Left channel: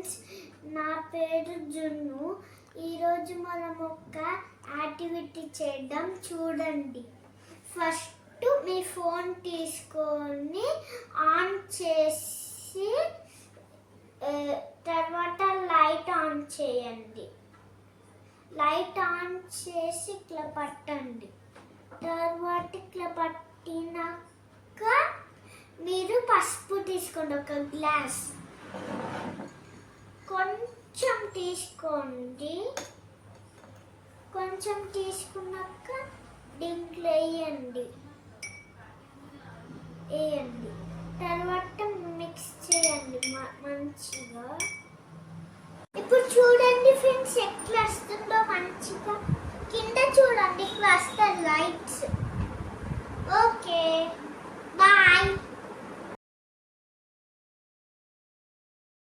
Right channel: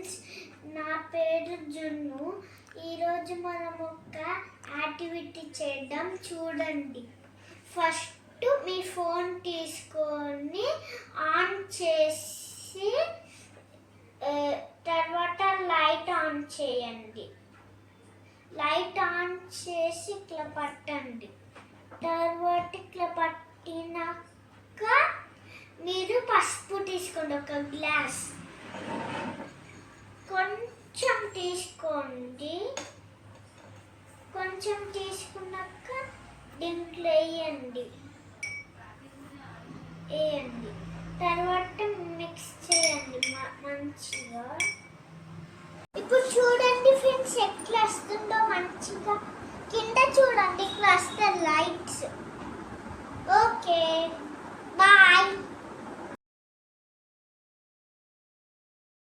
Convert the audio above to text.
Friends, నా పేరు జున్ను. ఈరోజు మనం ఒక యాక్టివిటీ చేద్దాం, చూడండి. ఫస్ట్ మీ ఫోన్ తీసుకొని ఆన్ చేసి తర్వాత లైట్ ఆన్ చేయండి. లైట్ ఆన్ చేసి ఇట్లా పట్టండి. తర్వాత ఇట్లా పట్టినాక మీరు పసుపు తీసుకోండి, ఒక గ్లాస్ కొంచెం తీసుకోండి. కొంచెం తీసుకున్నాక దీంట్లో వేయండి. తర్వాత మిక్స్ చేయండి మంచిగా. ఇప్పుడు చూడండి ఫ్రెండ్స్, ఎట్లా వస్తుందో మంచిగా. కింద చూడండి, ఇట్లా వస్తాయి లైట్స్. Okay, bye.